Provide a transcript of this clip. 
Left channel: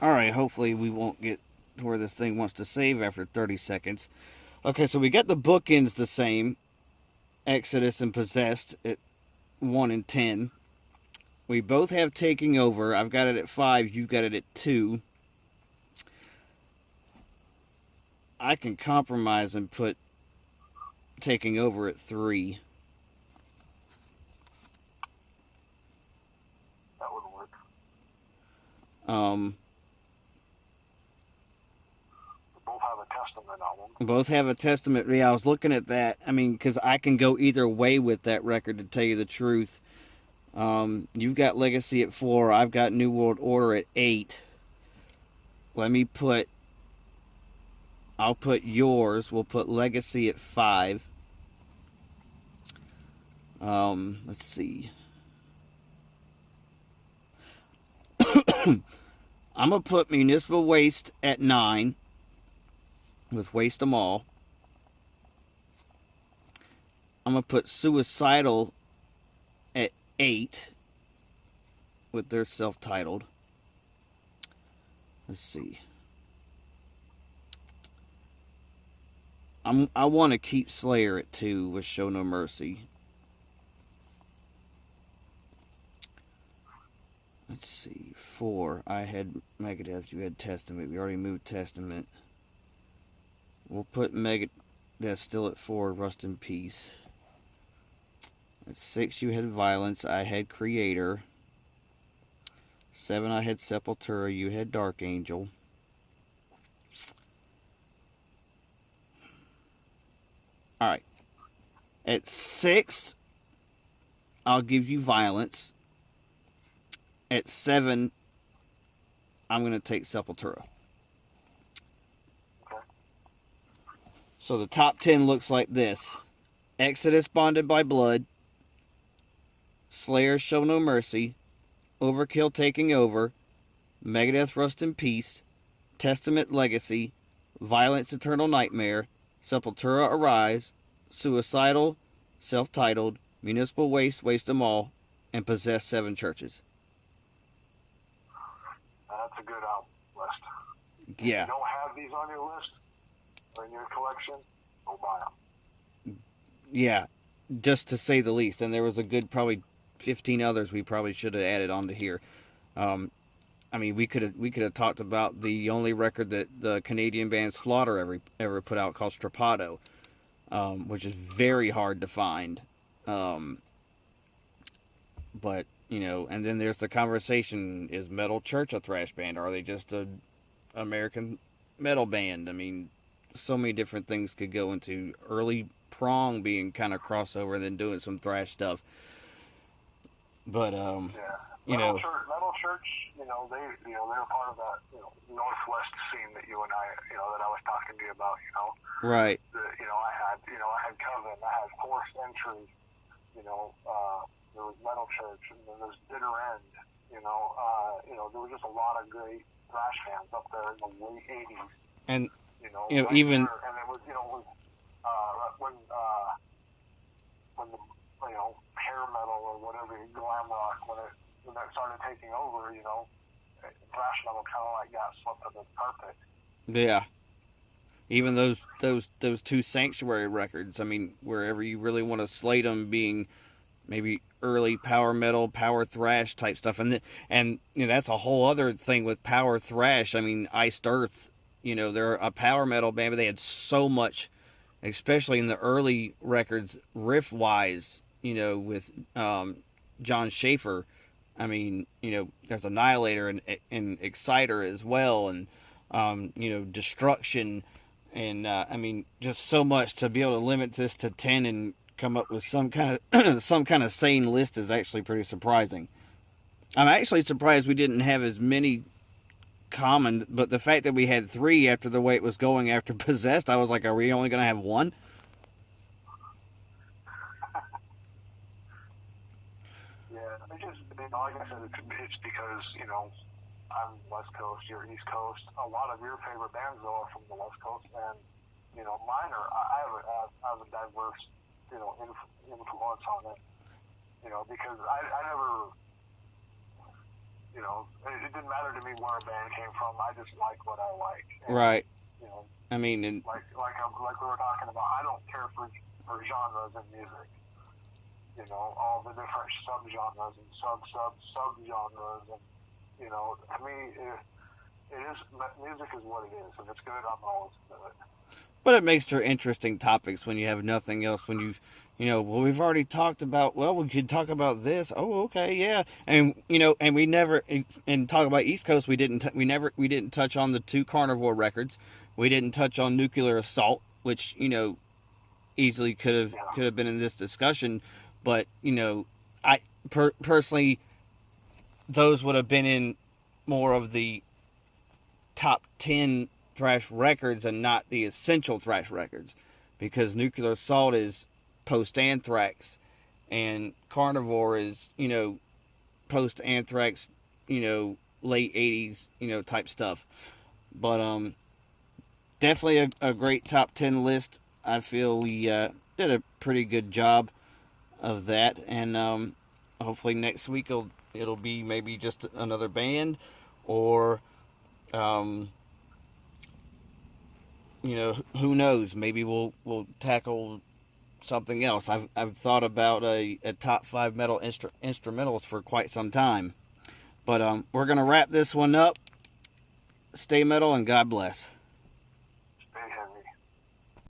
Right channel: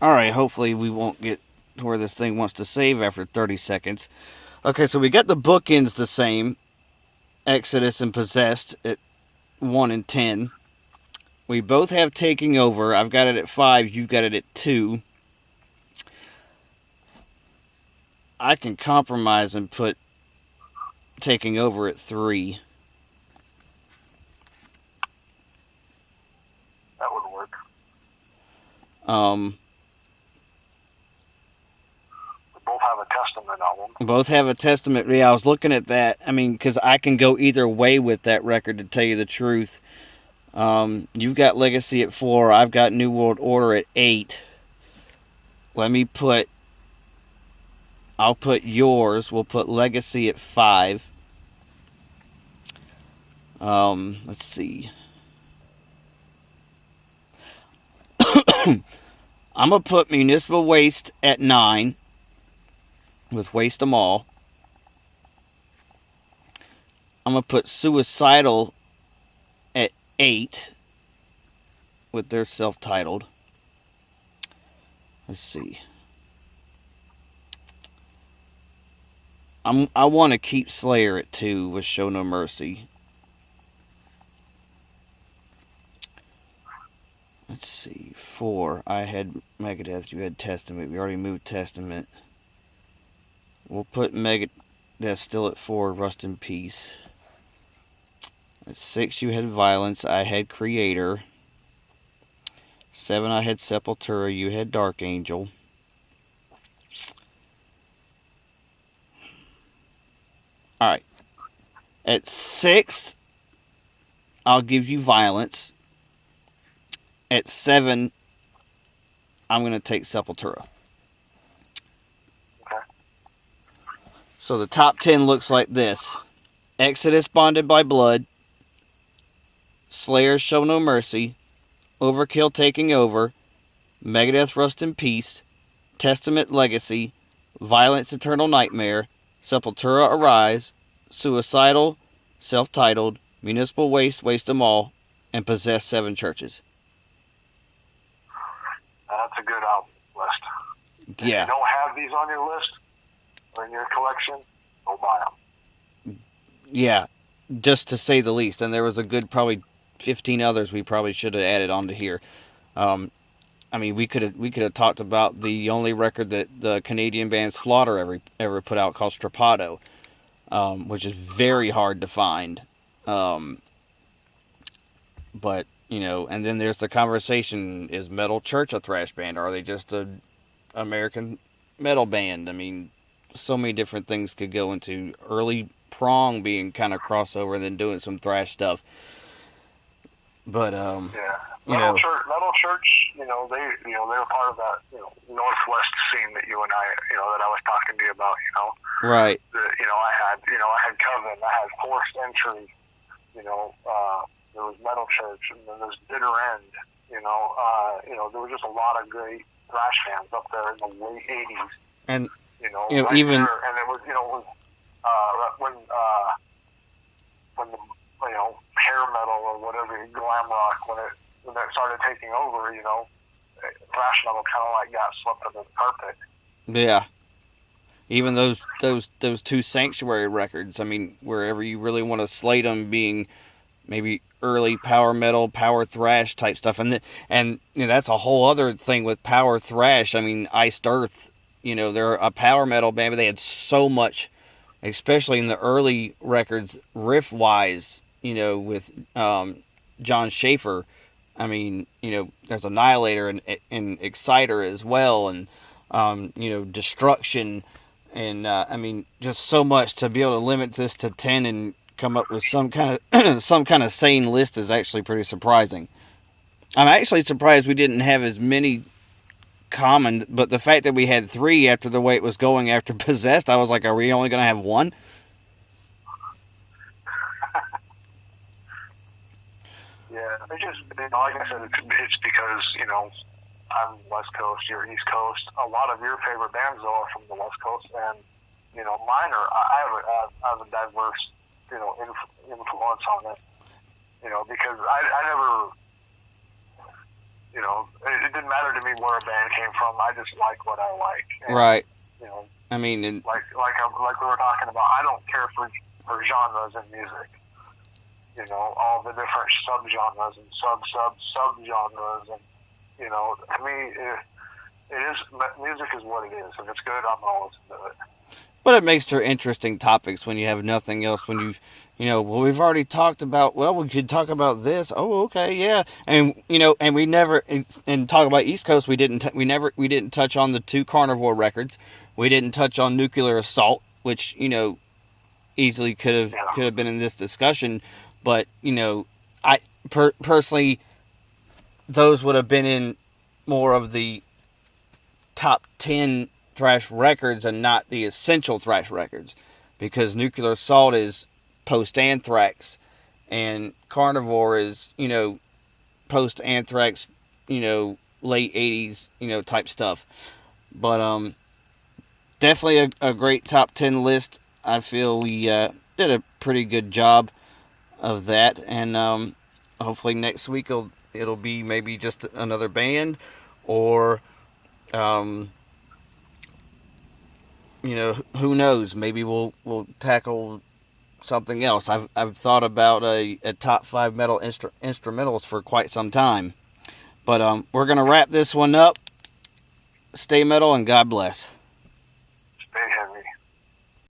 Alright, hopefully we won't get to where this thing wants to save after 30 seconds. Okay, so we got the bookends the same. Exodus and Possessed at 1 and 10. We both have Taking Over. I've got it at 5, you've got it at 2. I can compromise and put Taking Over at 3. That would work. Um, We both have a Testament album. both have a Testament. Yeah, I was looking at that. I mean, because I can go either way with that record, to tell you the truth. You've got Legacy at 4. I've got New World Order at 8. Let me put... I'll put yours. We'll put Legacy at 5. Let's see. I'm going to put Municipal Waste at 9. With Waste 'Em All. I'm going to put Suicidal at 8. With their self-titled. Let's see. I want to keep Slayer at 2 with Show No Mercy. Let's see. 4. I had Megadeth. You had Testament. We already moved Testament. We'll put Megadeth still at 4. Rust in Peace. At 6, you had Violence. I had Creator. 7, I had Sepultura. You had Dark Angel. Alright. At 6, I'll give you Violence. At 7, I'm going to take Sepultura. Okay. So the top 10 looks like this. Exodus, Bonded by Blood. Slayer, Show No Mercy. Overkill, Taking Over. Megadeth, Rust in Peace. Testament, Legacy. Violence, Eternal Nightmare. Sepultura, Arise. Suicidal, Self-Titled. Municipal Waste, Waste 'Em All. And Possess, Seven Churches. That's a good album list. Yeah. If you don't have these on your list or in your collection, go buy them. Yeah, just to say the least. And there was a good probably 15 others we probably should have added onto here. I mean, we could have talked about the only record that the Canadian band Slaughter ever put out, called Strappado, which is very hard to find. But you know, and then there's the conversation: is Metal Church a thrash band, or are they just a American metal band? I mean, so many different things could go into. Early Prong being kind of crossover and then doing some thrash stuff. But Yeah. you know, Metal Church, they were part of that, Northwest scene that you and I, that I was talking to you about, right? I had Coven, I had Forced Entry, there was Metal Church, and then there's Bitter End, there was just a lot of great thrash fans up there in the late '80s, And right even there, and it was, when the hair metal or whatever, glam rock, when it started taking over, thrash metal kind of like got swept under the carpet. yeah, even those two Sanctuary records. I mean, wherever you really want to slate them, being maybe early power metal, power thrash type stuff, and that's a whole other thing with power thrash. I mean, Iced Earth, they're a power metal band, but they had so much, especially in the early records, riff wise, with John Schaefer. I mean, there's Annihilator and Exciter as well, and Destruction, and I mean, just so much. To be able to limit this to 10 and come up with some kind of sane list is actually pretty surprising. I'm actually surprised we didn't have as many common, but the fact that we had 3 after the way it was going after Possessed, I was like, are we only going to have 1? Yeah, it just, like I said, it's because, I'm West Coast, you're East Coast. A lot of your favorite bands, though, are from the West Coast, and, mine are, I have a diverse, influence on it, because I never, you know, it didn't matter to me where a band came from. I just like what I like. And, Right. You know, I mean, like we were talking about, I don't care for genres in music. You know, all the different subgenres and subgenres, and you know, to me, it is music is what it is. If it's good, I'm gonna listen to it. but it makes for interesting topics when you have nothing else. When well, we've already talked about. Well, we could talk about this. Oh, okay, yeah, and and we never and talk about East Coast. We didn't touch on the 2 Carnivore records. We didn't touch on Nuclear Assault, which easily could have been in this discussion. But I personally, those would have been in more of the top 10 thrash records and not the essential thrash records, because Nuclear Assault is post-Anthrax and Carnivore is post-Anthrax, late 80s type stuff. But definitely a great top 10 list. I feel we did a pretty good job of that, and hopefully next week it'll be maybe just another band, or who knows, maybe we'll tackle something else. I've thought about a top 5 metal instrumentals for quite some time. But we're gonna wrap this one up. Stay metal and God bless.